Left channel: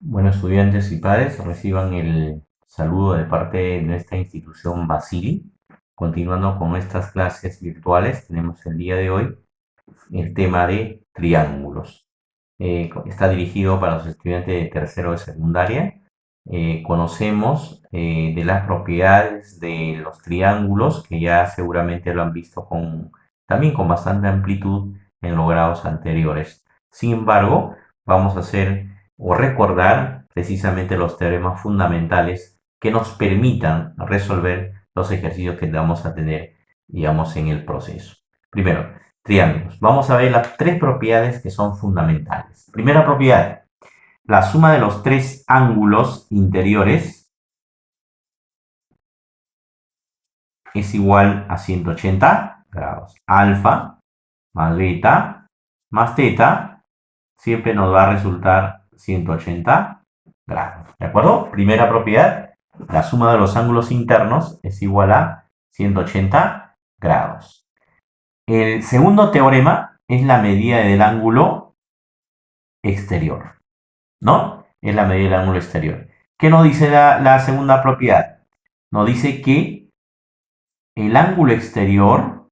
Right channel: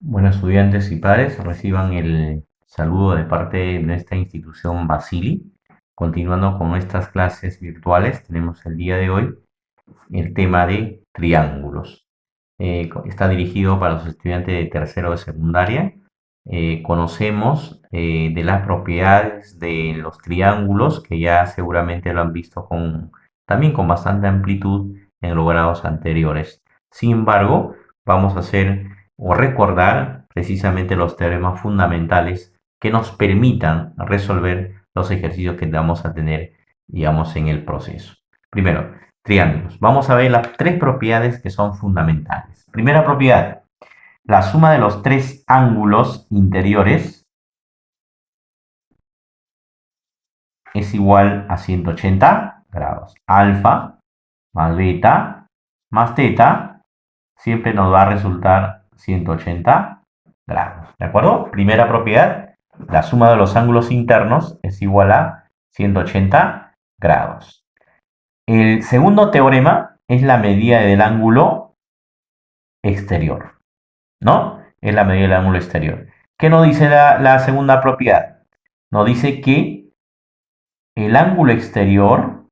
Bueno, estudiantes y padres, reciban el saludo de parte de esta institución Basili. Continuando con nuestras clases virtuales, tenemos el día de hoy el tema de triángulos. Está dirigido para los estudiantes de tercero de secundaria. Conocemos de las propiedades de los triángulos, que ya seguramente lo han visto también con bastante amplitud en los grados anteriores. Sin embargo, vamos a hacer o recordar precisamente los teoremas fundamentales que nos permitan resolver los ejercicios que vamos a tener, digamos, en el proceso. Primero, triángulos. Vamos a ver las tres propiedades que son fundamentales. Primera propiedad, la suma de los tres ángulos interiores es igual a 180 grados. Alfa más beta más teta siempre nos va a resultar 180 grados. ¿De acuerdo? Primera propiedad, la suma de los ángulos internos es igual a 180 grados. El segundo teorema es la medida del ángulo exterior, ¿no? Es la medida del ángulo exterior. ¿Qué nos dice la segunda propiedad? Nos dice que el ángulo exterior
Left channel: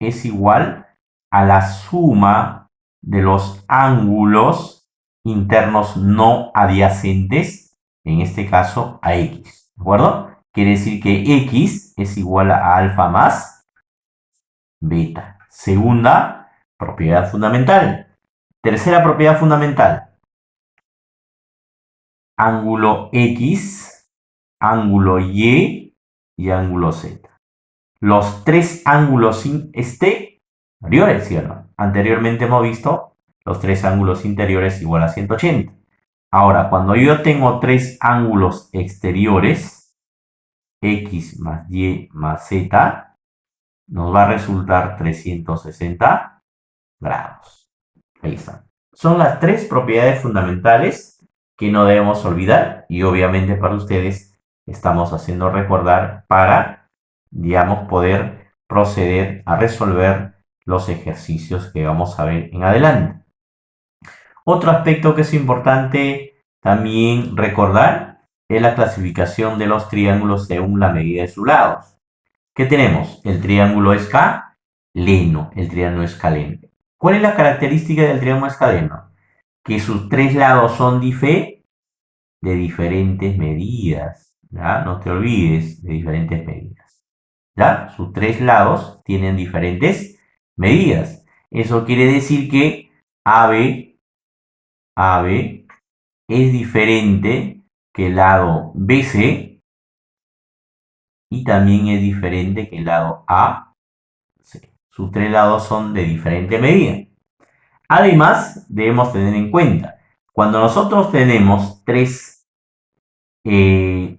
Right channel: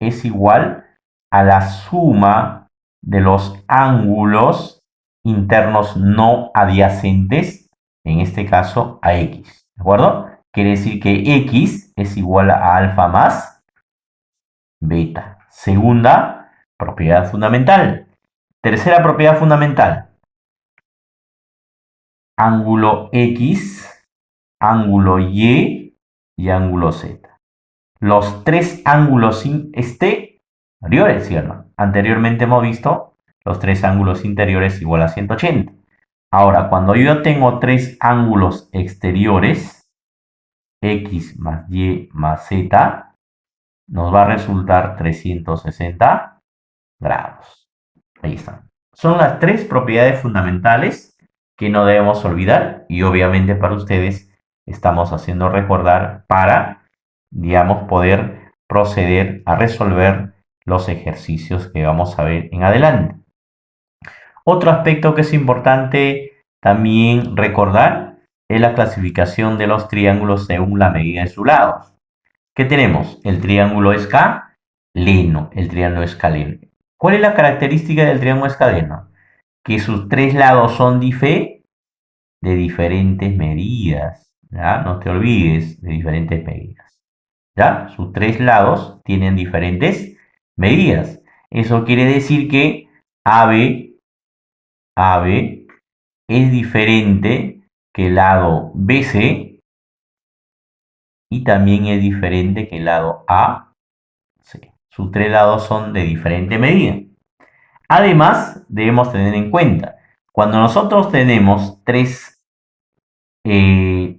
es igual a la suma de los ángulos internos no adyacentes, en este caso a X, ¿de acuerdo? Quiere decir que X es igual a alfa más beta. Segunda propiedad fundamental. Tercera propiedad fundamental. Ángulo X, ángulo Y y ángulo Z. Los tres ángulos exteriores, ¿cierto? Anteriormente hemos visto los tres ángulos interiores igual a 180. Ahora, cuando yo tengo tres ángulos exteriores, X más Y más Z, nos va a resultar 360 grados. Ahí están. Son las tres propiedades fundamentales que no debemos olvidar y obviamente para ustedes estamos haciendo recordar para, digamos, poder proceder a resolver los ejercicios que vamos a ver en adelante. Otro aspecto que es importante también recordar es la clasificación de los triángulos según la medida de sus lados. ¿Qué tenemos? El triángulo escaleno, el triángulo escaleno. ¿Cuál es la característica del triángulo escaleno? Que sus tres lados son de diferentes medidas. ¿Ya? No te olvides de diferentes medidas. ¿Ya? Sus tres lados tienen diferentes medidas. Eso quiere decir que AB, AB es diferente que el lado BC y también es diferente que el lado AC. Sus tres lados son de diferente medida. Además, debemos tener en cuenta, cuando nosotros tenemos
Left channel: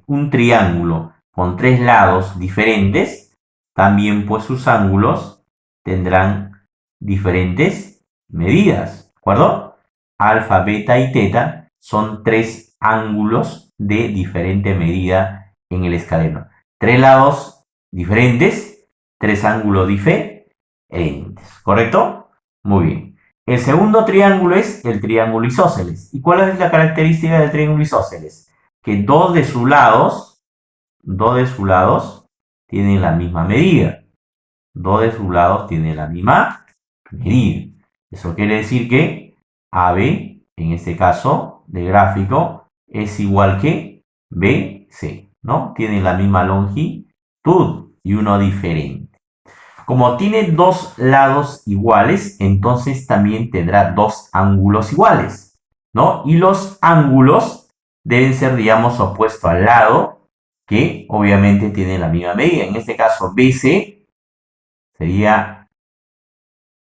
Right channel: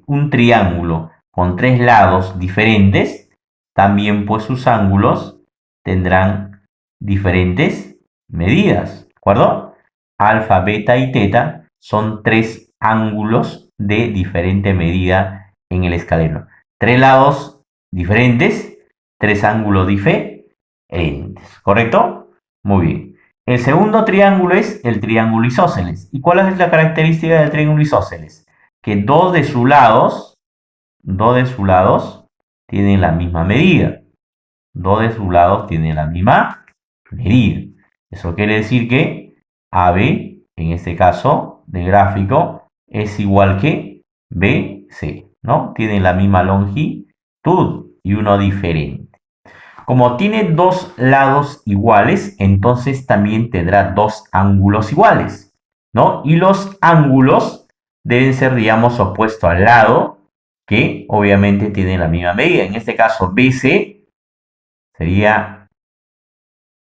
un triángulo con tres lados diferentes, también pues sus ángulos tendrán diferentes medidas, ¿de acuerdo? Alfa, beta y teta son tres ángulos de diferente medida en el escaleno. Tres lados diferentes, tres ángulos diferentes, ¿correcto? Muy bien. El segundo triángulo es el triángulo isósceles. ¿Y cuál es la característica del triángulo isósceles? Que dos de sus lados tienen la misma medida. Dos de sus lados tienen la misma medida. Eso quiere decir que AB, en este caso de gráfico, es igual que BC, ¿no? Tienen la misma longitud y uno diferente. Como tiene dos lados iguales, entonces también tendrá dos ángulos iguales, ¿no? Y los ángulos deben ser, digamos, opuestos al lado que obviamente tiene la misma medida. En este caso, BC sería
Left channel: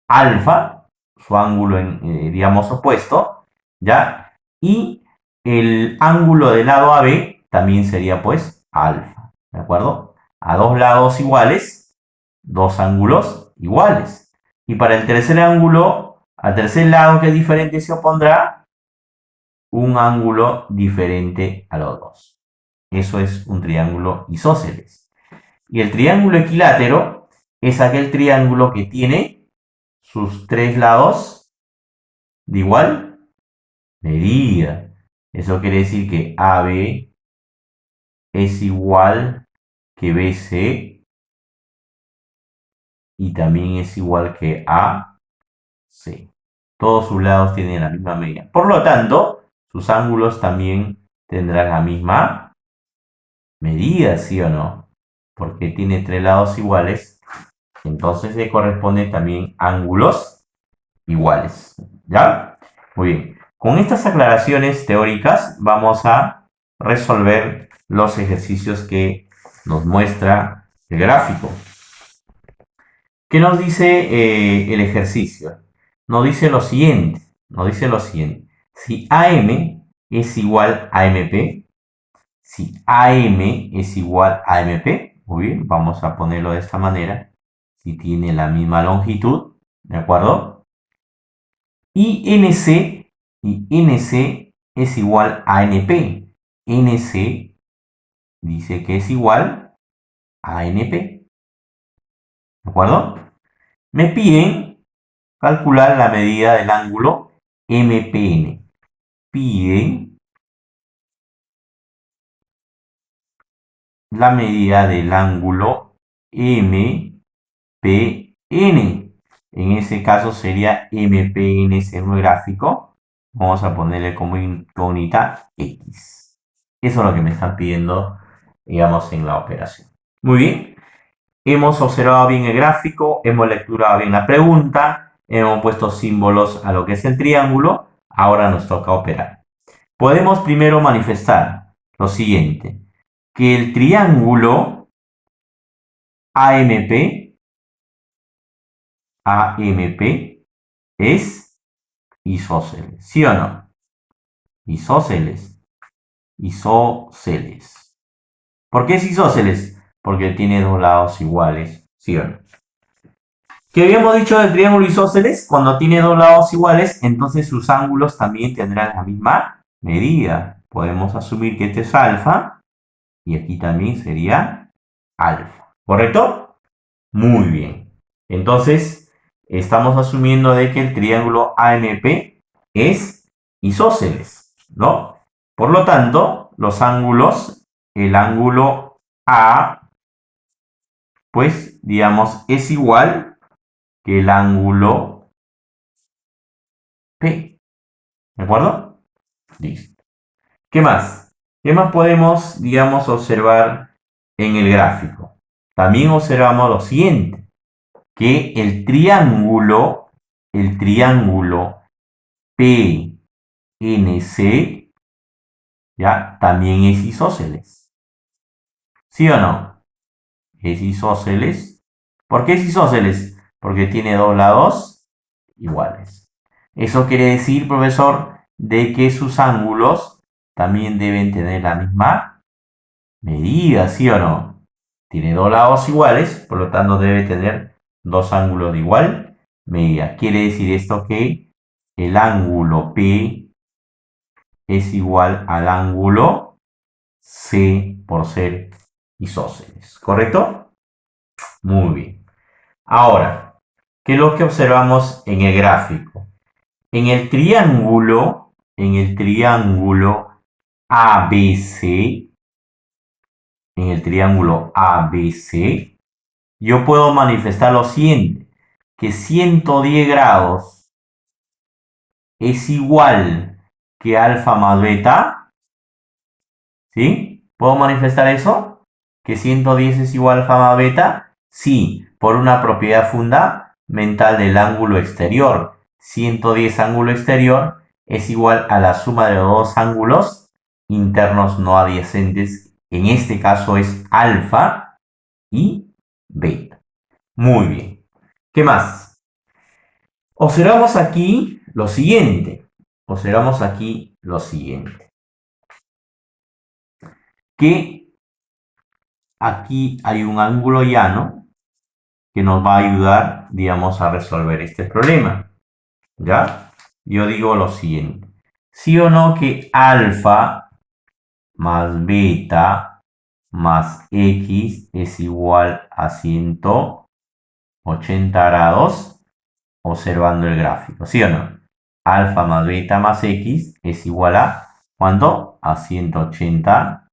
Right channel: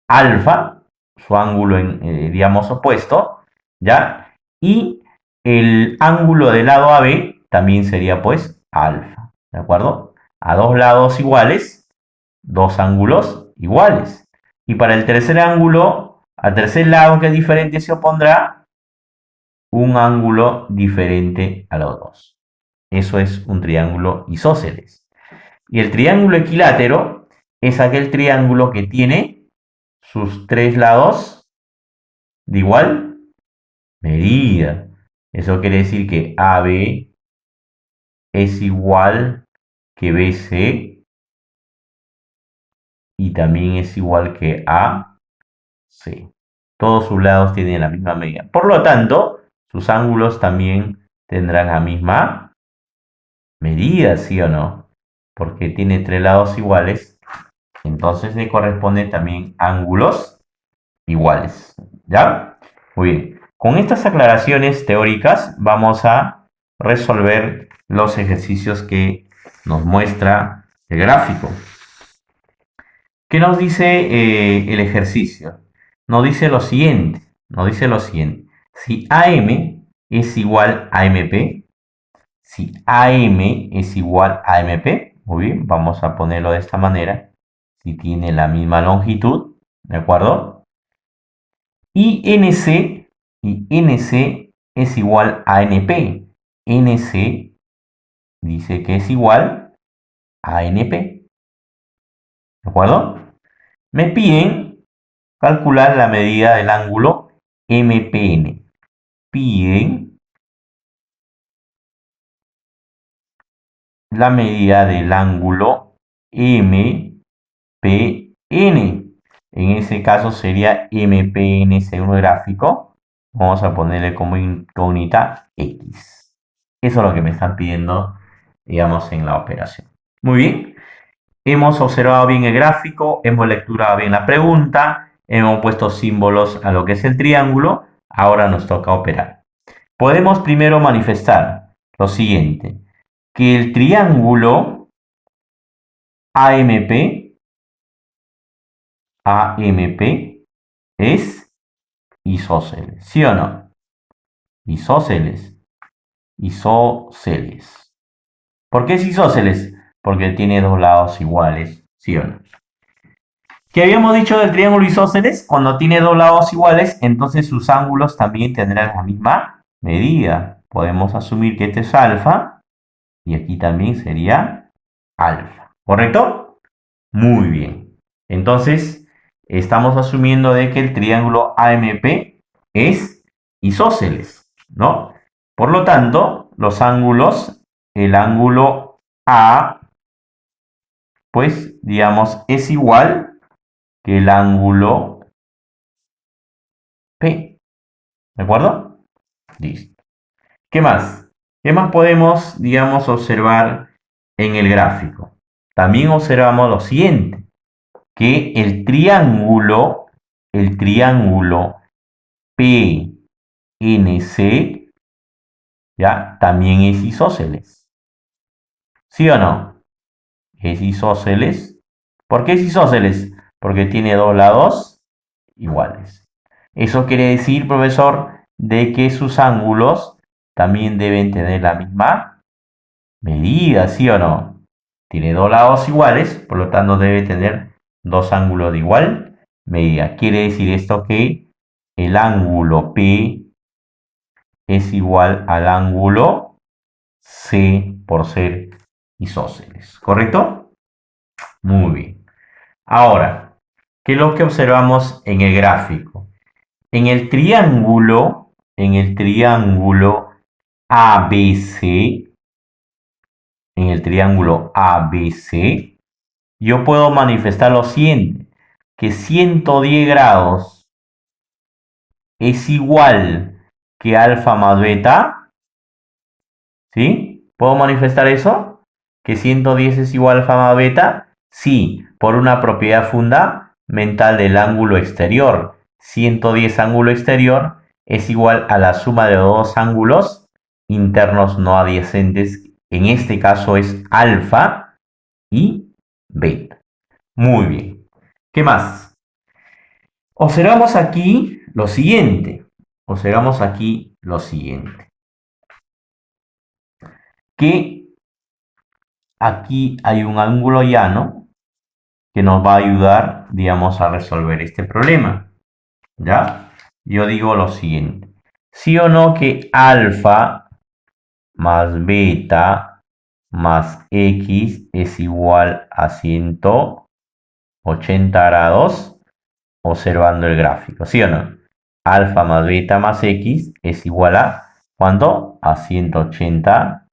alfa, su ángulo, digamos, opuesto, ¿ya? Y el ángulo del lado AB también sería, pues, alfa, ¿de acuerdo? A dos lados iguales, dos ángulos iguales. Y para el tercer ángulo, al tercer lado que es diferente, se opondrá un ángulo diferente a los dos. Eso es un triángulo isósceles. Y el triángulo equilátero es aquel triángulo que tiene sus tres lados de igual medida. Eso quiere decir que AB es igual que BC y también es igual que AC. Todos sus lados tienen la misma medida. Por lo tanto, sus ángulos también tendrán la misma medida, ¿sí o no? Porque tiene tres lados iguales, entonces le corresponde también ángulos iguales. ¿Ya? Muy bien. Con estas aclaraciones teóricas vamos a resolver los ejercicios que nos muestra el gráfico. ¿Qué nos dice el ejercicio? Nos dice lo siguiente. Si AM es igual a MP, si AM es igual a MP, muy bien, vamos a ponerlo de esta manera. Si tiene la misma longitud, ¿de acuerdo? Y NC es igual a NP. NC dice que es igual a NP. ¿De acuerdo? Me piden calcular la medida del ángulo MPN. Piden la medida del ángulo MPN. En ese caso sería MPN según el gráfico. Vamos a ponerle como incógnita X. Eso es lo que me están pidiendo, digamos, en la operación. Muy bien. Hemos observado bien el gráfico, hemos lecturado bien la pregunta, hemos puesto símbolos a lo que es el triángulo. Ahora nos toca operar. Podemos primero manifestar lo siguiente, que el triángulo AMP es isósceles, ¿sí o no? Isósceles. ¿Por qué es isósceles? Porque tiene dos lados iguales, ¿sí o no? ¿Qué habíamos dicho del triángulo isósceles? Cuando tiene dos lados iguales, entonces sus ángulos también tendrán la misma medida. Podemos asumir que este es alfa y aquí también sería alfa. ¿Correcto? Muy bien. Entonces, estamos asumiendo de que el triángulo AMP es isósceles, ¿no? Por lo tanto, los ángulos, el ángulo A, pues, digamos, es igual que el ángulo P. ¿De acuerdo? Listo. ¿Qué más? ¿Qué más podemos, digamos, observar en el gráfico? También observamos lo siguiente, que el triángulo PNC, ¿ya? También es isósceles. ¿Sí o no? Es isósceles. ¿Por qué es isósceles? Porque tiene dos lados iguales. Eso quiere decir, profesor, de que sus ángulos también deben tener la misma medida, ¿sí o no? Tiene dos lados iguales, por lo tanto debe tener dos ángulos de igual medida. Quiere decir esto que el ángulo P es igual al ángulo C por ser isósceles, ¿correcto? Muy bien. Ahora, ¿qué es lo que observamos en el gráfico? En el triángulo ABC, yo puedo manifestar lo siguiente, que 110 grados es igual que alfa más beta, ¿sí? ¿Puedo manifestar eso? ¿Que 110 es igual a alfa más beta? Sí, por una propiedad fundamental del ángulo exterior. 110 ángulo exterior es igual a la suma de dos ángulos internos no adyacentes. En este caso es alfa y beta. Muy bien. ¿Qué más? Observamos aquí lo siguiente. Que aquí hay un ángulo llano que nos va a ayudar, digamos, a resolver este problema. ¿Ya? Yo digo lo siguiente. ¿Sí o no que alfa más beta más x es igual a 180 grados? Observando el gráfico, ¿sí o no? Alfa más beta más x es igual a ¿Cuánto? A 180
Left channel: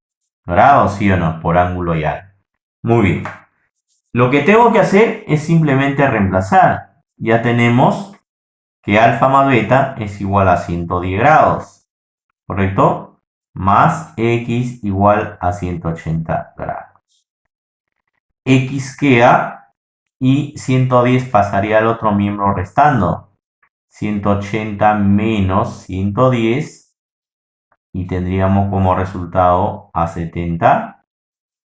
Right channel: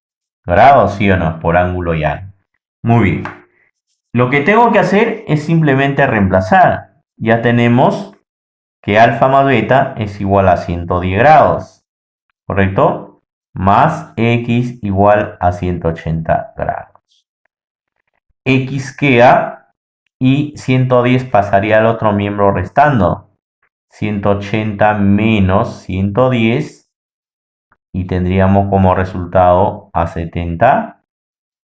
grados, ¿sí o no? Por ángulo y ángulo. Muy bien. Lo que tengo que hacer es simplemente reemplazar. Ya tenemos que alfa más beta es igual a 110 grados, ¿correcto? Más x igual a 180 grados. X queda y 110 pasaría al otro miembro restando. 180 menos 110 y tendríamos como resultado a 70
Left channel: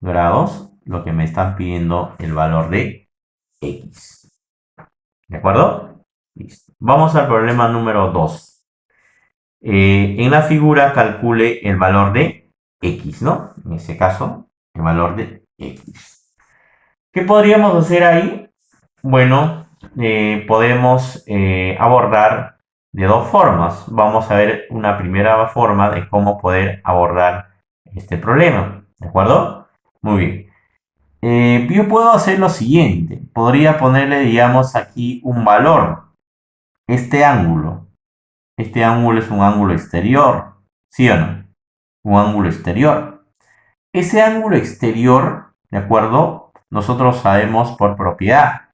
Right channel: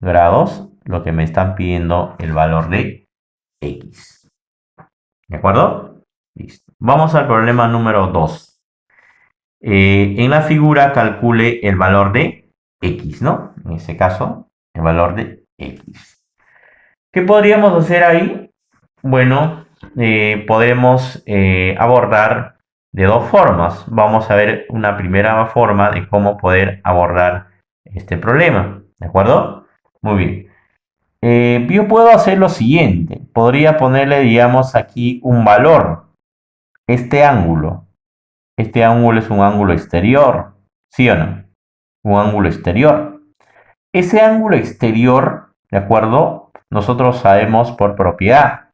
grados lo que me están pidiendo el valor de x. ¿De acuerdo? Listo. Vamos al problema número 2. En la figura calcule el valor de x, ¿no? En este caso, el valor de x. ¿Qué podríamos hacer ahí? Bueno, podemos abordar de dos formas. Vamos a ver una primera forma de cómo poder abordar este problema. ¿De acuerdo? Muy bien. Yo puedo hacer lo siguiente. Podría ponerle, digamos, aquí un valor. Este ángulo. Este ángulo es un ángulo exterior. ¿Sí o no? Un ángulo exterior. Ese ángulo exterior, ¿de acuerdo? Nosotros sabemos por propiedad.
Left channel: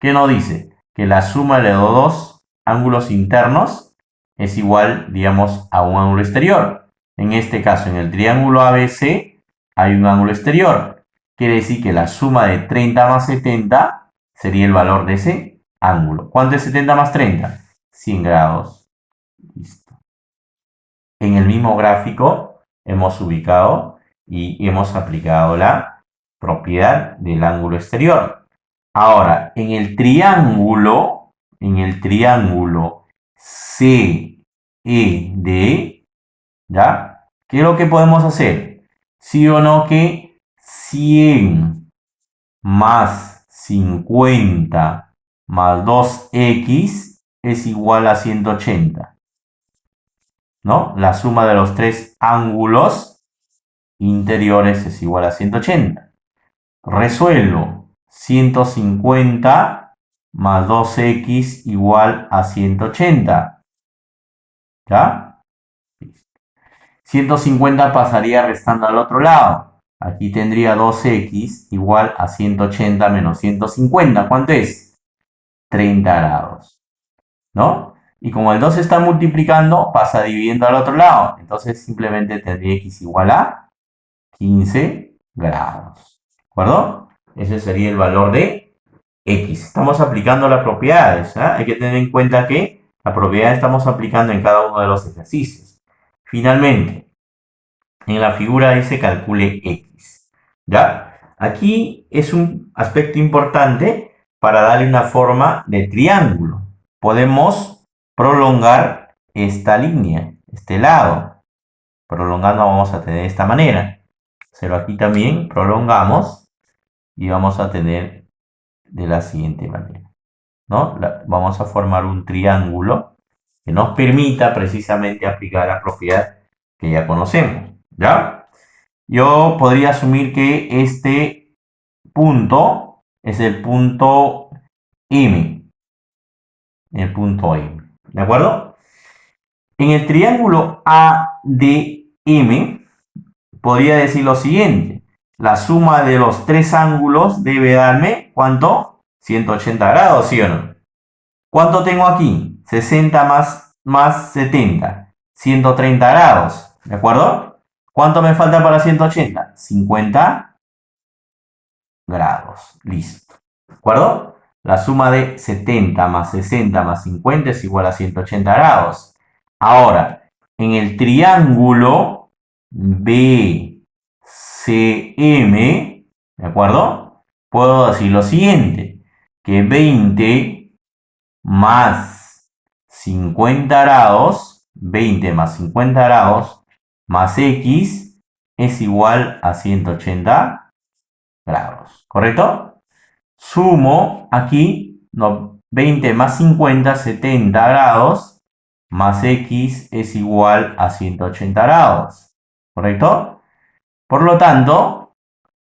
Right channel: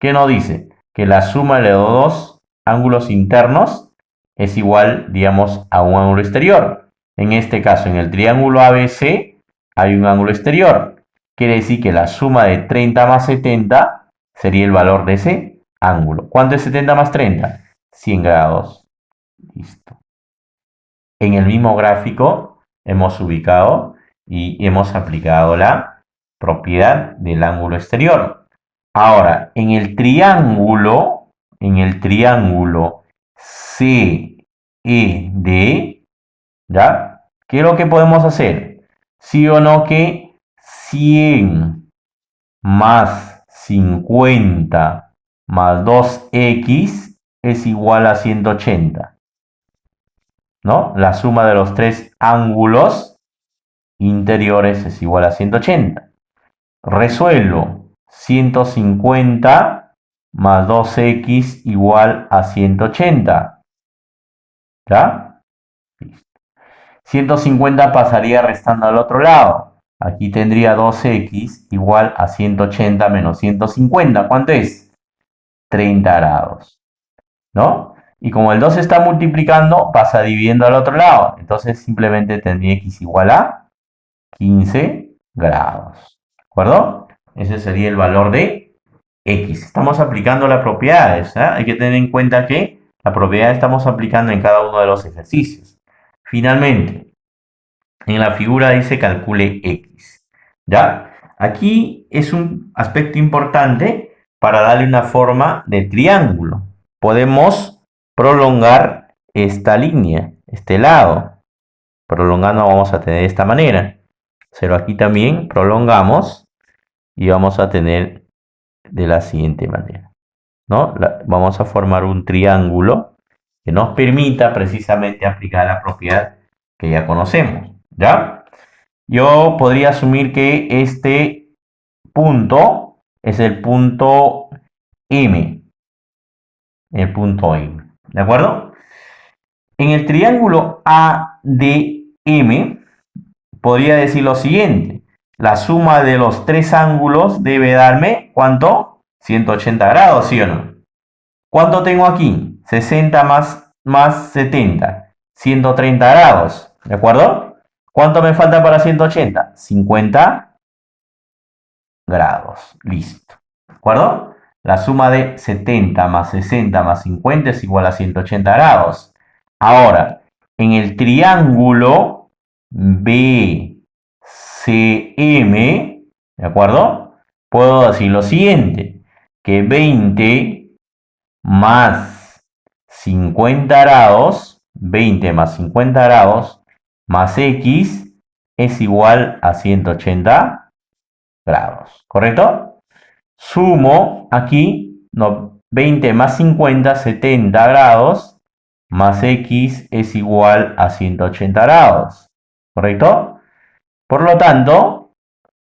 ¿Qué nos dice? Que la suma de los dos ángulos internos es igual, digamos, a un ángulo exterior. En este caso, en el triángulo ABC hay un ángulo exterior. Quiere decir que la suma de 30 más 70 sería el valor de ese ángulo. ¿Cuánto es 70 más 30? 100 grados. Listo. En el mismo gráfico hemos ubicado y hemos aplicado la propiedad del ángulo exterior. Ahora, en el triángulo CED, ¿ya? ¿Qué es lo que podemos hacer? ¿Sí o no que 100 más 50 más 2x es igual a 180? ¿No? La suma de los tres ángulos interiores es igual a 180. Resuelvo 150 más 2x igual a 180. ¿Ya? Listo. 150 pasaría restando al otro lado. Aquí tendría 2x igual a 180 menos 150. ¿Cuánto es? 30 grados. ¿No? Y como el 2 se está multiplicando, pasa dividiendo al otro lado. Entonces simplemente tendría x igual a 15 grados. ¿De acuerdo? Ese sería el valor de x. Estamos aplicando las propiedades. Hay que tener en cuenta que la propiedad estamos aplicando en cada uno de los ejercicios. Finalmente, en la figura dice calcule x. ¿Ya? Aquí es un aspecto importante para darle una forma de triángulo. Podemos prolongar esta línea, este lado. Prolongando vamos a tener de esta manera. Pero aquí también prolongamos y vamos a tener de la siguiente manera, ¿no? Vamos a formar un triángulo que nos permita precisamente aplicar la propiedad que ya conocemos, ¿ya? Yo podría asumir que este punto es el punto M, ¿de acuerdo? En el triángulo ADM podría decir lo siguiente. La suma de los tres ángulos debe darme, ¿cuánto? 180 grados, ¿sí o no? ¿Cuánto tengo aquí? 60 más 70. 130 grados, ¿de acuerdo? ¿Cuánto me falta para 180? 50 grados. Listo. ¿De acuerdo? La suma de 70 más 60 más 50 es igual a 180 grados. Ahora, en el triángulo BCM, ¿de acuerdo? Puedo decir lo siguiente, que 20 más 50 grados, 20 más 50 grados, más x es igual a 180 grados, ¿correcto? Sumo aquí, no, 20 más 50, 70 grados, más x es igual a 180 grados, ¿correcto? Por lo tanto,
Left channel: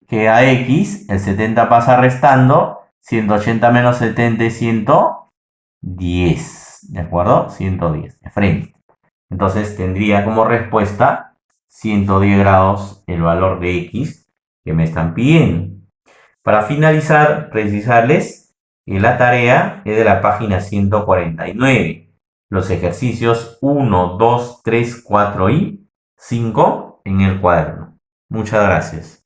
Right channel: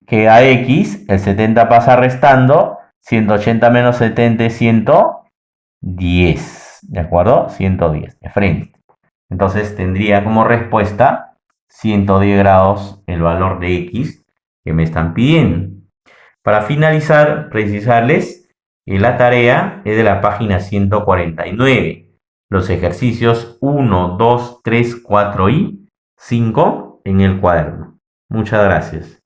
queda x, el 70 pasa restando, 180 menos 70 es 110, ¿de acuerdo? 110, de frente. Entonces tendría como respuesta 110 grados el valor de X que me están pidiendo. Para finalizar, precisarles que la tarea es de la página 149. Los ejercicios 1, 2, 3, 4 y 5 en el cuaderno. Muchas gracias.